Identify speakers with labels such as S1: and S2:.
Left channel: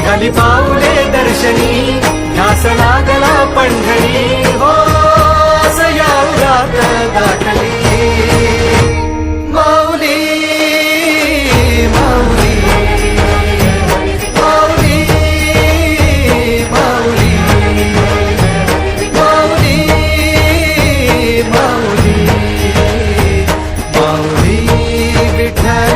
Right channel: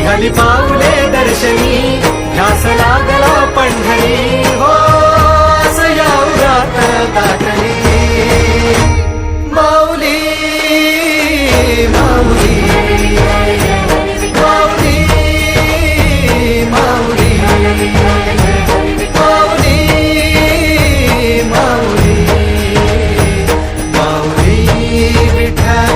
S1: निघाली पाऊले दर्शनी ध्यास लागला पंढरी हो रात दाटली
S2: माऊली माऊली माऊली माऊली माऊली माऊली माऊली विठा